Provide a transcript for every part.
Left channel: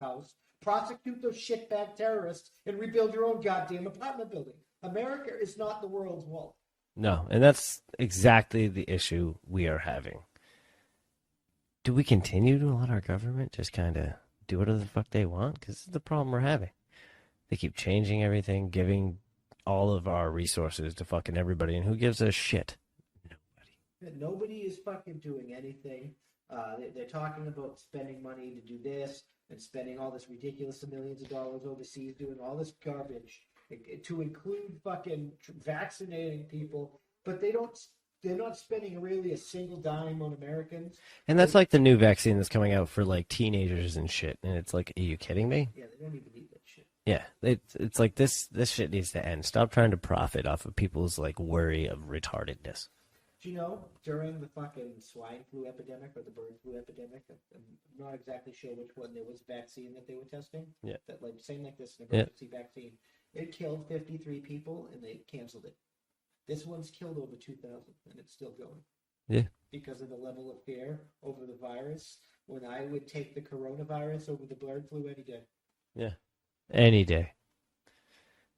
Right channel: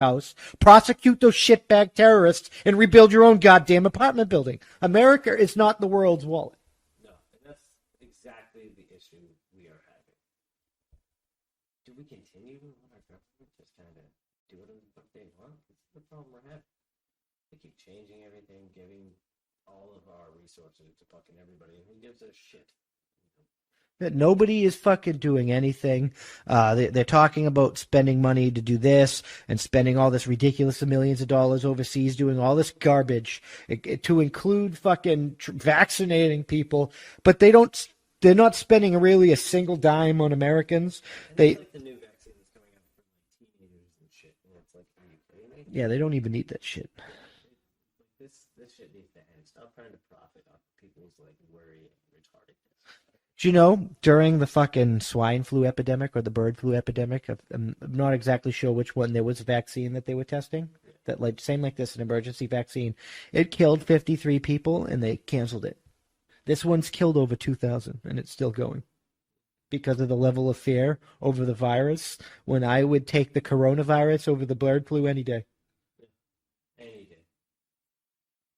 house, prosecute those shitbag terrorists, and rebuild your own goddamn apartment building. America is not the world's wallet. No, and that's exactly the issue we are having. Do we continue to let our government just kind of do whatever the fuck they want? Because this is the problem we're having. They keep changing everything, giving all of our resources to fucking everybody, and who gives a shit? Nobody is fucking doing anything. They're talking about spending money to do this and spending all this ridiculous millions of dollars overseas doing all this garbage to include fucking vaccinating people, but they're not spending really a single dime on Americans. And that's like the new vaccine that's coming out for like teenagers and shit. And it's like, are you kidding me? Yeah, they don't even need that shit. Yeah, it's like this shit needs to end. Stop trying to profit off of people's like worry of retardedness. Do you know, during the fucking swine flu epidemic or the bird flu epidemic, I'm not exactly sure which one, there was a vaccine that they were testing. Yeah. That like same like this, an emergency vaccine. It killed 53 people and they canceled it. This one's killed over 2,000 and it's still going. Yeah. Because of the level of fear over the virus, when I would take the coronavirus over the bird flu any day. Yeah. Any day.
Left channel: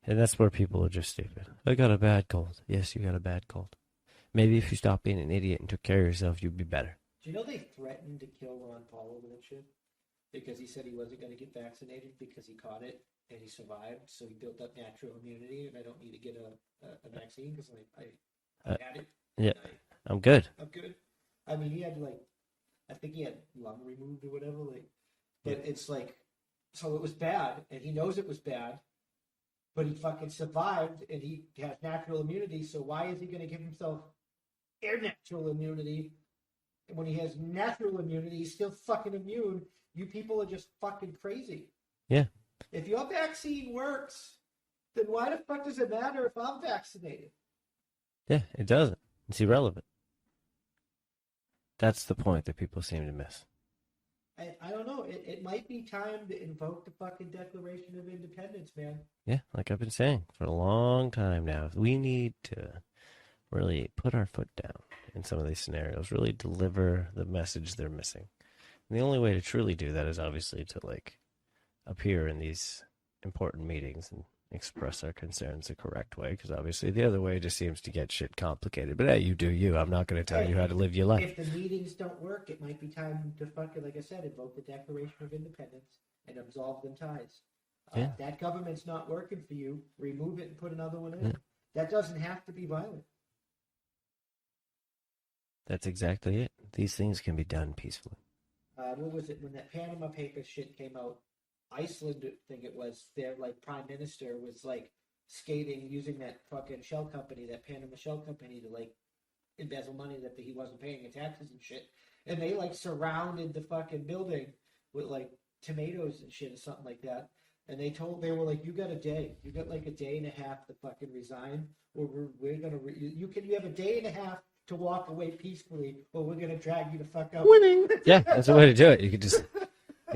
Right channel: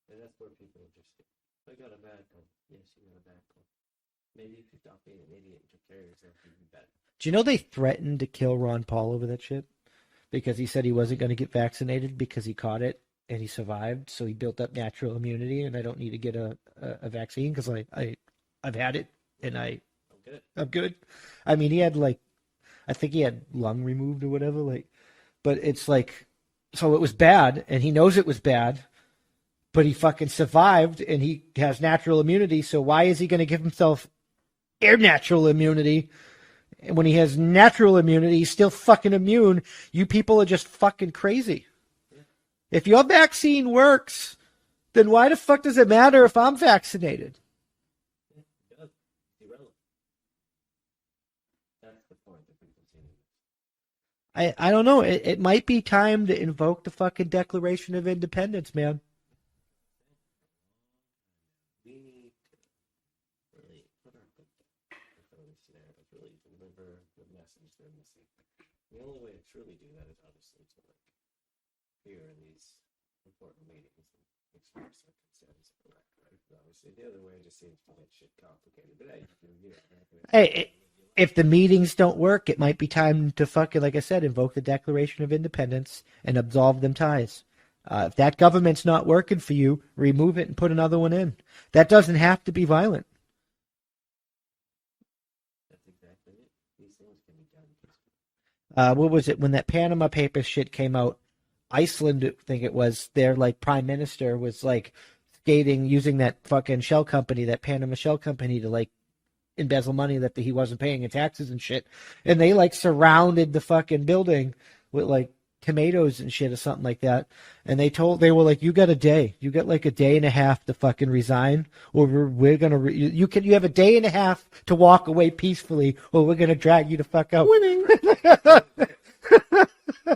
And that's where people are just stupid. I got a bad cold. Yes, you got a bad cold. Maybe if you stopped being an idiot and took care of yourself, you'd be better. Do you know they threatened to kill Ron Paul over that shit? Because he said he wasn't going to get vaccinated because he caught it and he survived. So he built up natural immunity and I don't need to get a vaccine because I've had it. Yeah. And I'm good. I'm good. I mean, he had I think he had lung removed or whatever. But it's like, so it was bad and he knows it was bad. But he fucking survived and he has natural immunity. So why is he going to give himself natural immunity? And when he has natural immunity, he's still fucking immune. You people are just fucking crazy. Yeah. If your vaccine works, then why the fuck does it matter if I'm vaccinated? Yeah, it doesn't. It's irrelevant. That's the point that people seem to miss. I don't know. It might be time to invoke the fucking Declaration of Independence, man. Yeah, like I've been saying for a long time now. We need to really put our foot down in some of these scenarios, really deliver the message they're missing. And the only way to truly do that is obviously to like appear in these important meetings and express our concerns the correct way, because obviously the other way just seems to get shit complicated. But hey, you do you. I'm not going to tell you how to live your life. If the meetings don't work, it might be time to fucking, like I said, invoke the Declaration of Independence and absolve them ties. If that government's not working for you, remove it and put another one in. That doesn't have to be violent. That's exactly it. These things can be done peacefully. What was it? When that Panama Papers shit came out, Iceland, I think it was, their like prime minister was like skating, using that fucking shell company, that Panama shell company, to like embezzle money that he wasn't paying in taxes and shit. And they like surrounded the fucking building with like tomatoes and shit or something like that. And they were like, you got a day. You got like a day and a half to fucking resign, or we're going to, you have a day and a half to walk away peacefully, or we're going to drag you the fuck out. Winning. Yeah, that's the way to do it. You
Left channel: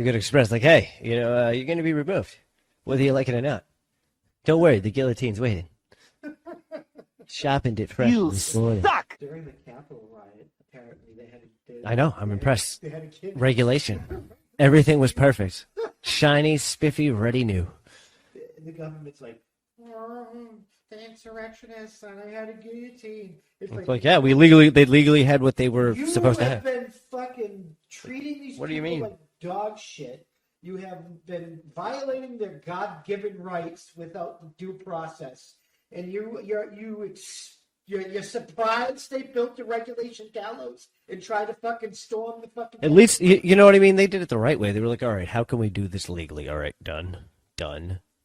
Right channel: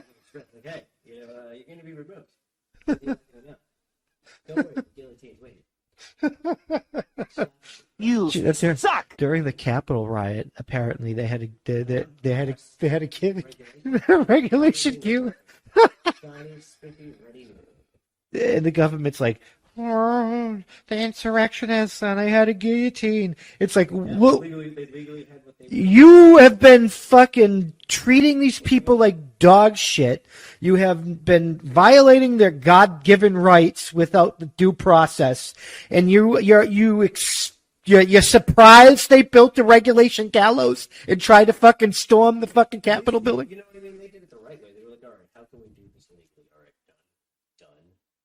could express like, hey, you're going to be removed, whether you like it or not. Don't worry, the guillotine's waiting. Sharpened it fresh. You suck. During the Capitol riot, apparently they had I know. I'm impressed. They had a kid. Regulation. Regulation. Everything was perfect. Shiny, spiffy, ready new. And the government's like, oh, the insurrectionists, and I had a guillotine. It's like yeah, they legally had what they were. You have been fucking treating these people like dog shit. You have been violating their God-given rights without the due process, and you're surprised they built the regulation gallows and tried to fucking storm the fucking Capitol building? You know what I mean? They did it the right way. They were like, all right, how can we do this legally? All right, done.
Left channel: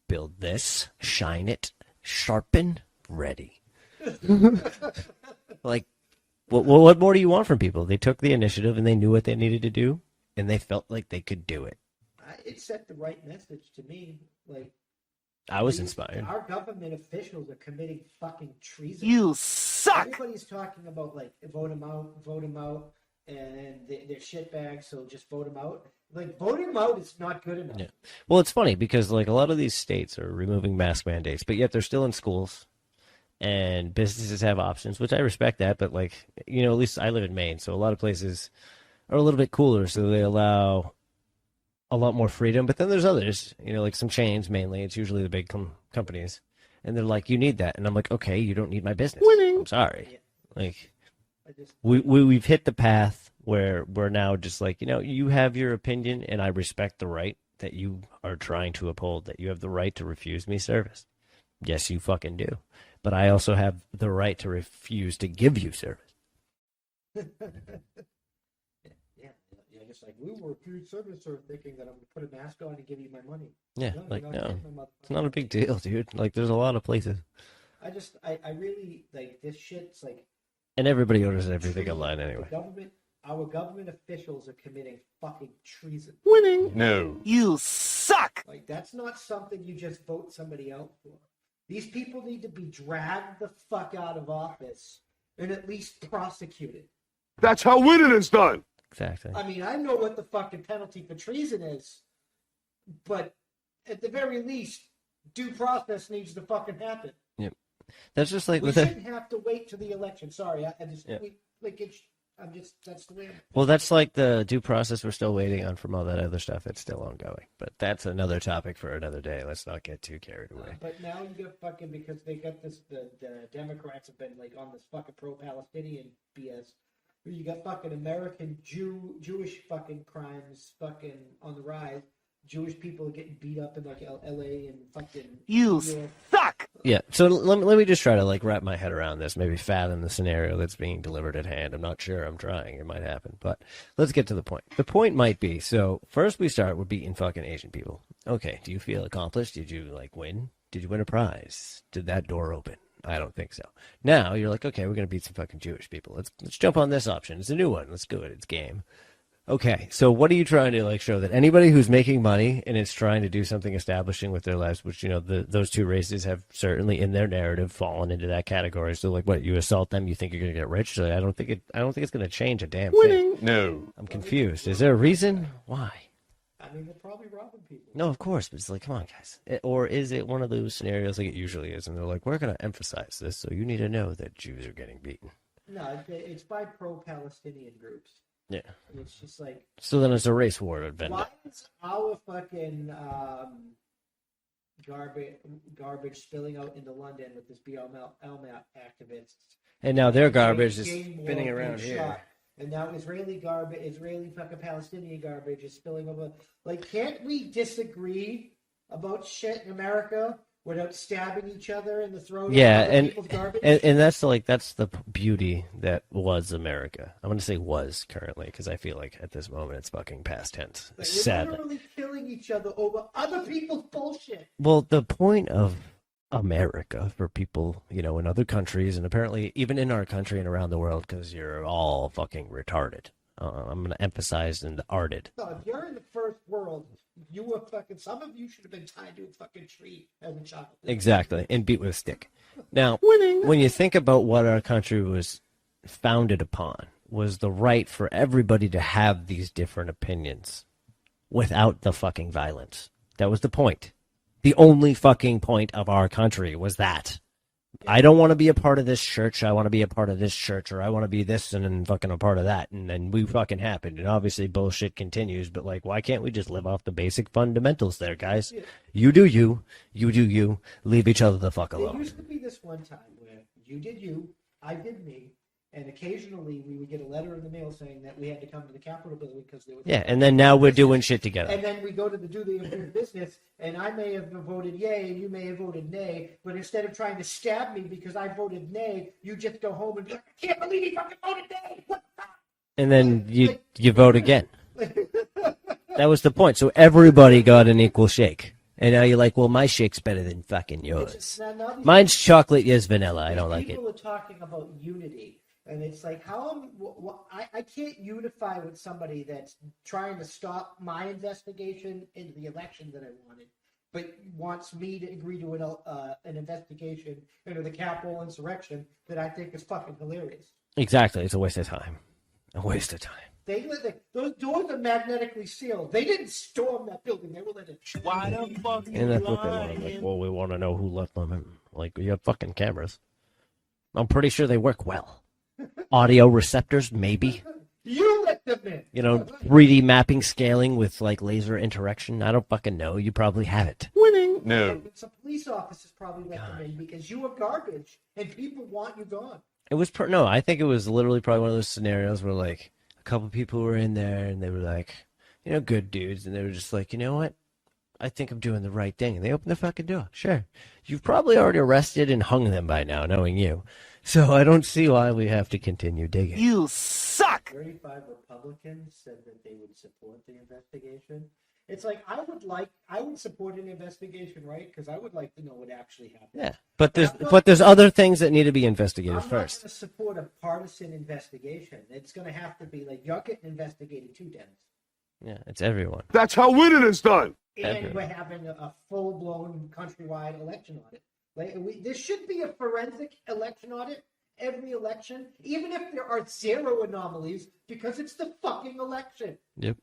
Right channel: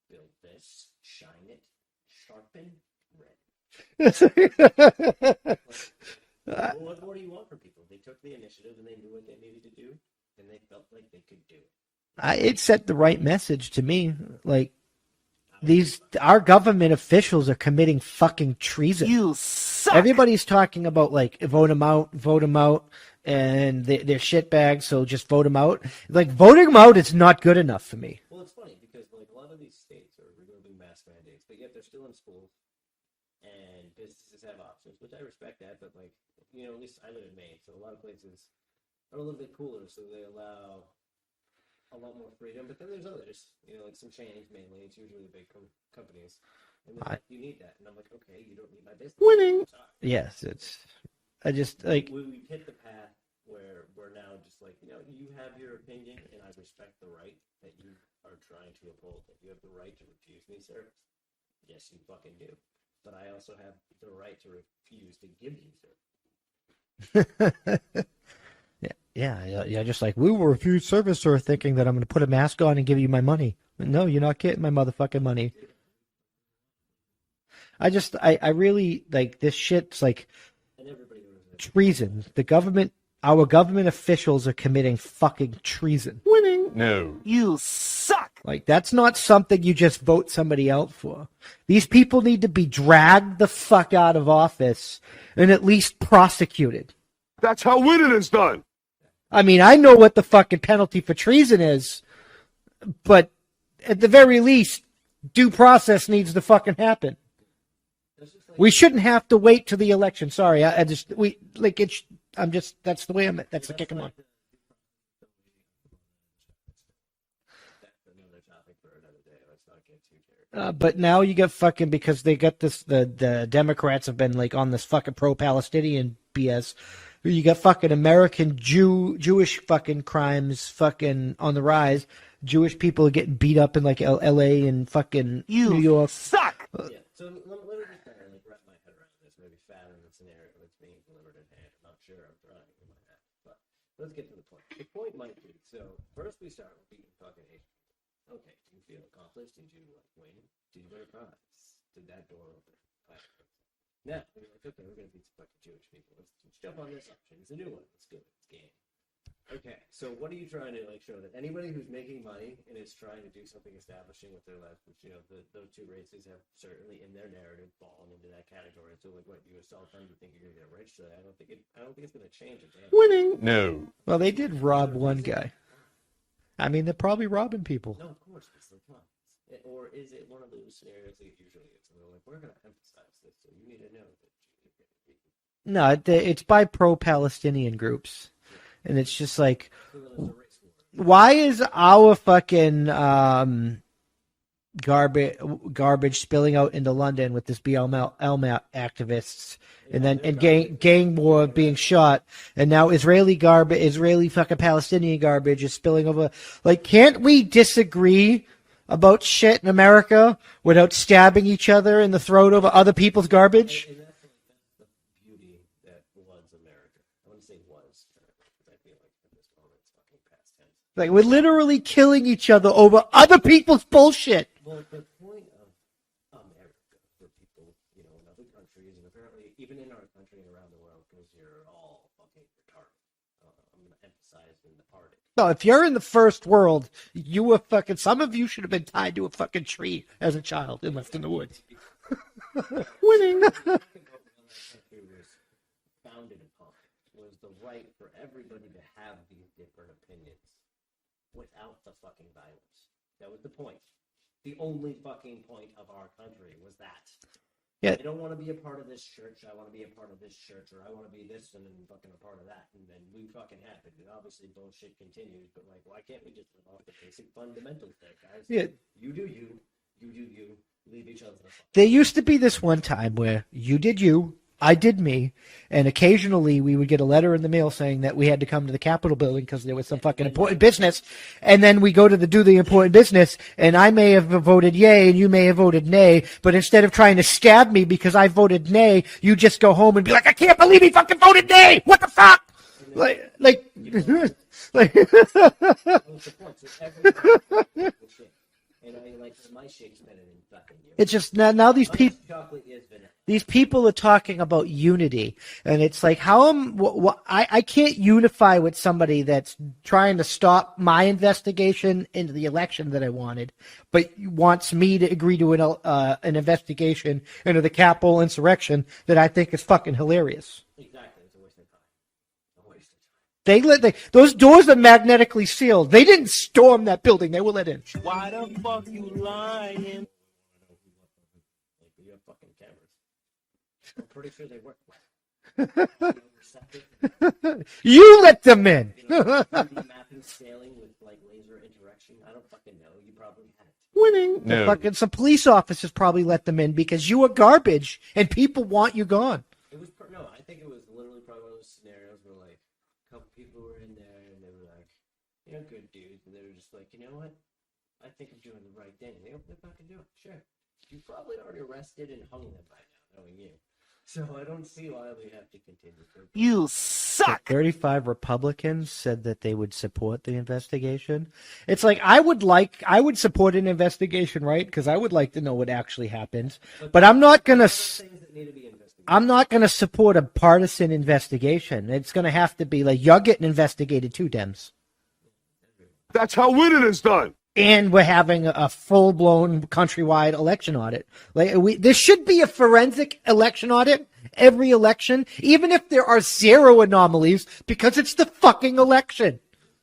Build this, shine it, sharpen, ready. Like, what more do you want from people? They took the initiative and they knew what they needed to do, and they felt like they could do it. It sent the right message to me. Like, was our government officials are committing fucking treason. You suck. Everybody's talking about like vote them out, and they're shitbags, so just vote them out. Like, voting them out is not good enough for me. Well, it's funny because like a lot of these states are removing mask mandates, but yet they're still in schools, and businesses have options, which I respect that. But like, at least I live in Maine, so a lot of places are a little bit cooler, so they allow a lot more freedom. But then there's others, like some chains mainly. It's usually the big companies. And they're like, you need that. And I'm like, okay, you don't need my business. Winning. I'm sorry. Yes. Like, I just we've hit the path where we're now just like, you have your opinion and I respect the right that you are trying to uphold, that you have the right to refuse me service. Yes, you fucking do. But I also have the right to refuse to give you service. Yeah. Just like, we will refuse service, sir, thinking that I'm going to put a mask on and give you my money. Yeah, no, you're like, not getting my motherfucking It's not money. a big deal, dude. Like, there's a lot of places. I really, like, this shit's like And everybody orders everything treason. online anyway. The government, our government officials are committing fucking treason. Winning. No. You suck! Like, that's not something you just vote somebody out for. These people need to be dragged the fuck out of office and at least prosecuted. That's how winning is done. Exactly. I mean, I know what the fucking penalty for treason is, but at the very least, due process needs to fucking happen. Yep. That's just like We shouldn't have to wait to the election. Sorry, that's the way I'm. That's like the due process we're still waiting on from all that other stuff. It's still ongoing, but that's another topic for another day. Let's not get too carried away. But now you got fucking, because they got this. The Democrats have been like on this fucking pro-Palestinian BS. You got fucking American Jewish fucking crimes fucking on the rise. Jewish people are getting beat up in like L.A. and fucking New York. Suck! Yeah. So let me just try to like wrap my head around this. Maybe fathom the scenario that's being delivered at hand. I'm not sure. I'm trying. It might happen. But let's get to the point. The point might be, so first we start with beating fucking Asian people. Okay. Do you feel accomplished? Did you like win? Did you win a prize? Did that door open? I don't think so. Now you're like, okay, we're gonna beat some fucking Jewish people. Let's jump on this option. It's a new one. Let's do it. It's game. Okay, so what are you trying to like show that anybody who's making money and is trying to do something establishing with their lives, which those two races have certainly in their narrative fallen into that category. So like, what, you assault them, you think you're gonna get rich? So I don't think it's gonna change a damn Winning. thing. No. I'm Well, they did confused. rob Is there a one reason? guy. Why? I mean, they're probably robbing people. No, of course, but it's like, come on, guys. Or is it one of those scenarios like it usually is, and they're like, we're gonna emphasize this, so you need to know that Jews are getting beaten. No, it's by pro-Palestinian groups. Yeah. And it's just like, So then it's a race war. why is our fucking garbage spilling out into London with this BLM activists, And now their garbage is gang war spinning being around here. shot, and now Israeli fucking Palestinian garbage is spilling over. Like, can't we disagree about shit in America without stabbing each other in the throat over other people's garbage? And that's the beauty that was America. I'm going to say was currently, because I feel like at this moment it's fucking past tense. Like, we're Sadly. literally killing each other over other people's bullshit. Well, the point of America for people, in other countries, and apparently even in our country and around the world, because you're all fucking retarded. I'm going to emphasize in the arted. No, if you're in the first world, you were fucking. Some of you should have been tied to a fucking tree as a child. Exactly, and beat with a stick. Now, Winning. when you think about what our country was founded upon, was the right for everybody to have these different opinions without the fucking violence. That was the point. The only fucking point of our country was that. Yeah. I don't want to be a part of this church. I want to be a part of this church, or I want to be this and then fucking a part of that. And then we fucking happened. And obviously bullshit continues, but like, why can't we just live off the basic fundamentals there, guys? Yeah. You do you do you, leave each other the fuck There alone. used to be this one time where you did you, I did me, and occasionally we would get a letter in the mail saying that we had to come to the Capitol building because there was some fucking and then important now we're business. doing shit together. And then we go to do the important business, and I may have voted yay, and you may have voted nay, but instead of trying to stab me because I voted nay, you just go home and be like, I can't believe he fucking voted nay! What the fuck? And then like- you vote again. Like, That was the point. So everybody got an equal shake. And now you're like, well, my shake's better than fucking yours. it's just now these Mine's people. chocolate, yours vanilla. These I don't people are talking about unity, and it's like, how am I can't unify with somebody that's trying to stop my investigation into the election that I wanted, but wants me to agree to an investigation into the Capitol insurrection that I think is fucking hilarious. Exactly. It's a waste of time. A waste of time. Those doors are magnetically sealed. They didn't storm that building; they were let in. Why the fuck you And that's what they want. lying? Like, well, we want to know who left them in. Like, you have fucking cameras. I'm pretty sure they work well. Audio receptors, maybe. You let them in. 3D mapping, scaling with like laser interaction. I don't fucking know. You probably have it. Winning. No. Fucking some police officers probably let them in because you are garbage and people want you gone. It was no. I think it was literally probably one of those scenarios where like a couple people were in there and they were like, good dudes, and they were just like, you know what? I think I'm doing the right thing, and they opened the fucking door. Sure, you've probably already arrested and hung them by now, knowing you. So I don't see why we have to continue digging. You suck! 35 Republicans said that they would support the investigation. It's like I would support an investigation, right? Because I would like to know what actually happened. Yeah. But I'm not. But there's gonna, other things that need to be investigated. I'm not going to support a partisan investigation. It's going to have to be like you're getting investigated too, Dems. Yeah, it's everyone. That's how winning is done. And we're having a full-blown countrywide election audit. There should be a forensic election audit every election, even if there are 0 anomalies, because it's the fucking election. Yep.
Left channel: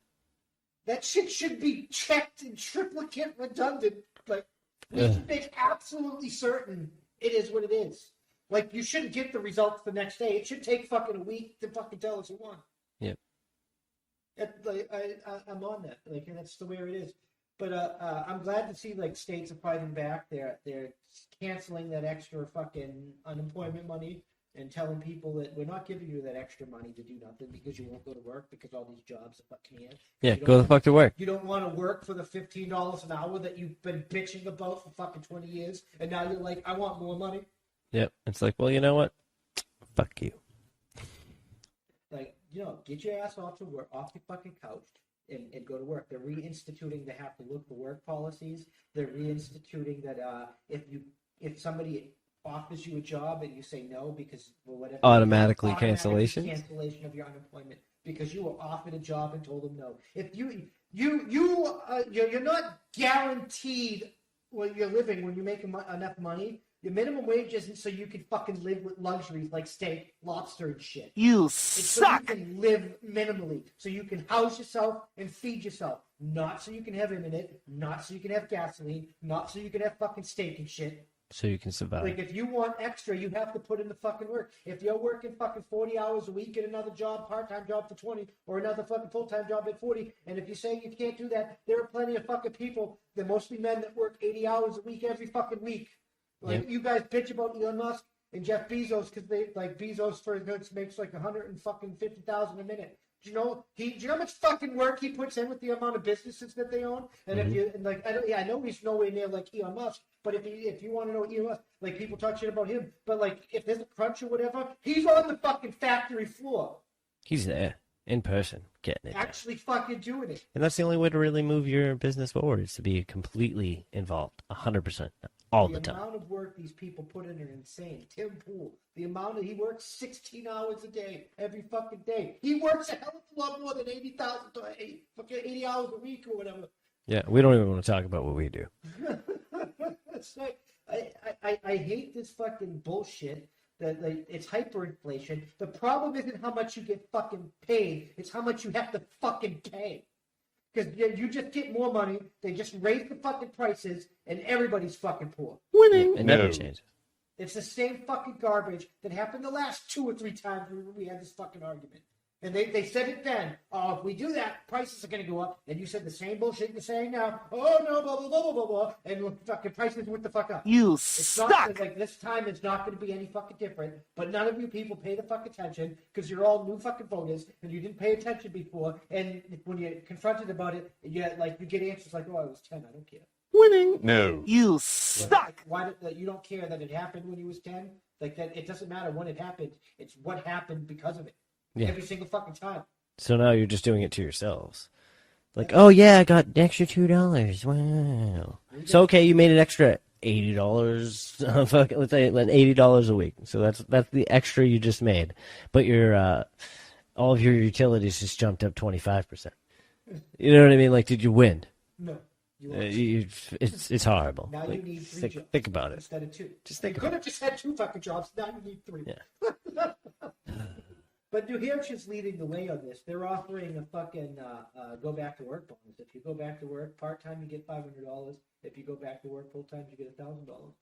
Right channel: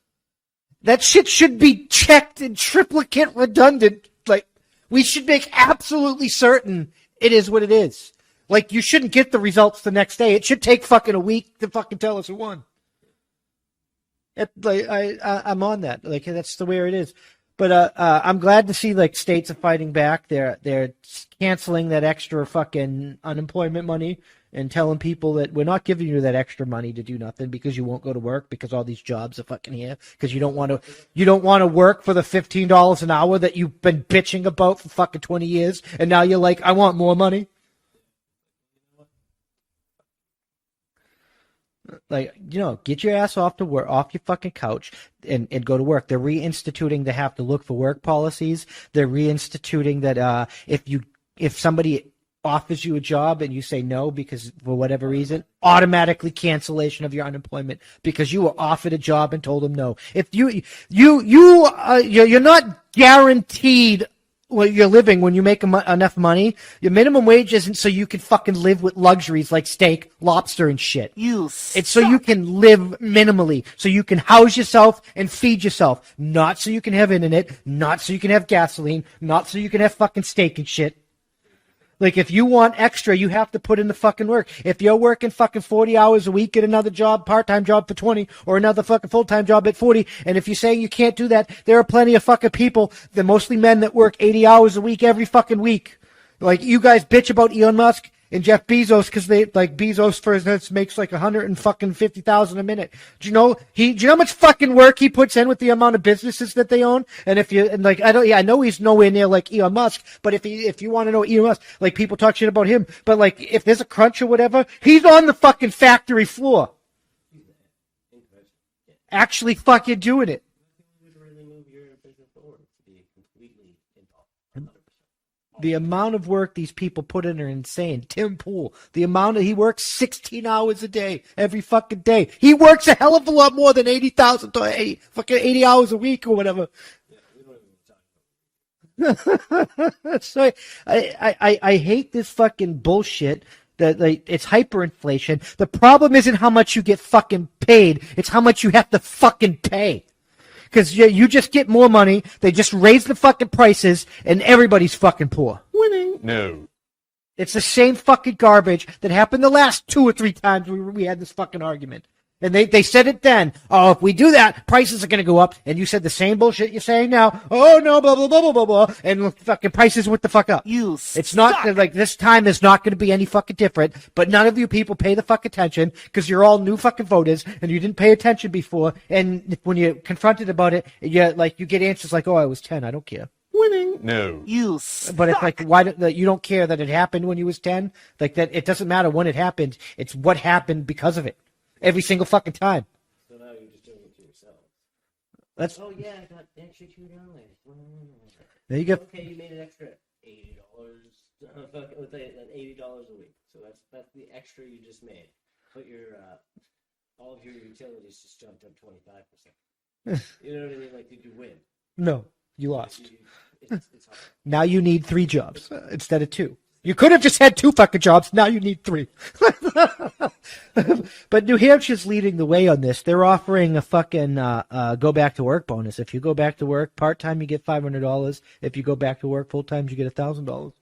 That shit should be checked and triplicate redundant. Like, we should make absolutely certain it is what it is. Like, you shouldn't get the results the next day. It should take fucking a week to fucking tell us who won. Yep. I'm on that. Like, that's the way it is. But I'm glad to see like states are fighting back. They're canceling that extra fucking unemployment money and telling people that we're not giving you that extra money to do nothing because you won't go to work because all these jobs are fucking here because you don't want to work. You don't want to work for the $15 an hour that you've been bitching about for fucking 20 years, and now you're like, I want more money. Yep. It's like, well, you know what? Fuck you. Like, get your ass off your fucking couch and go to work. They're reinstituting the have to look for work policies. They're reinstituting that if somebody offers you a job and you say no because for whatever reason, automatically cancellation of your unemployment because you were offered a job and told them no. If you're not guaranteed well, you're living when you make enough money. Your minimum wage isn't so you can fucking live with luxuries like steak, lobster, and shit. It's so you can live minimally, so you can house yourself and feed yourself. Not so you can have internet, not so you can have gasoline, not so you can have fucking steak and shit. So you can survive. Like, if you want extra, you have to put in the fucking work. If you're working fucking 40 hours a week, get another job, part-time job for 20, or another fucking full-time job at 40. And if you're saying you can't do that, there are plenty of fucking people, they're mostly men, that work 80 hours a week every fucking week. Like, you guys bitch about Elon Musk and Jeff Bezos because Bezos, for instance, makes like $150,000 a minute. Do you know how much fucking work he puts in with the amount of businesses that they own? And I know he's nowhere near like Elon Musk, but if you want to know Elon Musk, like, people talk shit about him, but like, if there's a crunch or whatever, he's on the fucking factory floor. He's there in person, getting it. Actually fucking doing it. And that's the only way to really move your business forward, is to be completely involved, 100%. The amount of work these people put in are insane. Tim Pool, he works 16 hours a day, every fucking day. He works a hell of a lot more than 80 hours a week or whatever. Yeah, we don't even want to talk about what we do. So I hate this fucking bullshit. That, like, it's hyperinflation. The problem isn't how much you get fucking paid. It's how much you have to fucking pay. Because you just get more money. They just raise the fucking prices, and everybody's fucking poor. Winning. No. It's the same fucking garbage that happened the last 2 or 3 times we had this fucking argument. And they said it then. Oh, if we do that, prices are going to go up. And you said the same bullshit you're saying now. Oh, no, blah, blah, blah, blah, blah, blah. And fucking prices went the fuck up. It's not like this time is not going to be any fucking different. But none of you people pay the fuck attention because you're all new fucking voters and you didn't pay attention before. And when you're confronted about it, you get answers like, oh, I was 10. I don't care. Winning. No. But it's like, why you don't care that it happened when you was 10? Like, that it doesn't matter when it happened. It's what happened because of it. Yeah. Every single fucking time. So now you're just doing it to yourselves. Like, oh yeah, I got an extra $2. Wow. There you go. So okay, you made an extra $80. Let's say $80 a week. So that's the extra you just made. But your all of your utilities just jumped up 25%. You know what I mean? Like, did you win? No. You lost. It's horrible. Now you need 3 jobs think about it. instead of 2. You could have just had 2 fucking jobs. Now you need 3. Yeah. But New Hampshire's leading the way on this. They're offering a fucking go back to work bonus. If you go back to work part time, you get $500. If you go back to work full time, you get $1,000.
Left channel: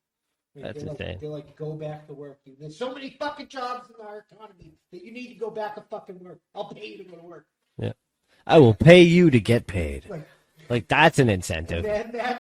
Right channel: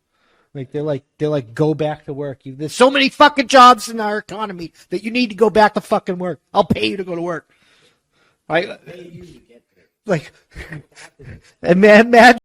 Like That's they're like insane. they're like go back to work. There's so many fucking jobs in our economy that you need to go back to fucking work. I'll pay you to go to work. I will pay you to get paid. Like Like that's an incentive. and man,